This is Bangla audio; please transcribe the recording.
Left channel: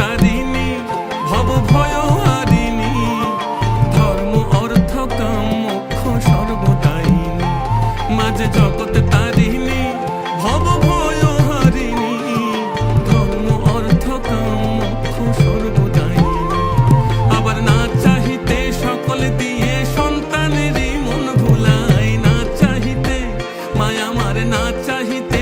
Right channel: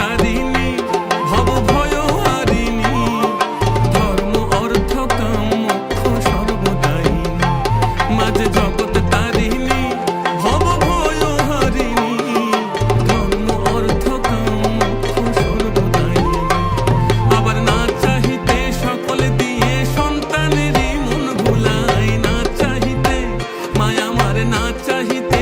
তারিণী, ভব ভয় হারিণী, ধর্ম অর্থ কাম মোক্ষ সর্বদায়িনী। মাঝে জগৎ তারিণী, ভব ভয় হারিণী, ধর্ম অর্থ কাম মোক্ষ সর্বদায়িনী। আবার না চাহিতে সকল দিয়ে সন্তানেরই মন ভুলাই, না চাহিতে মায়া আমার, না চাহিতে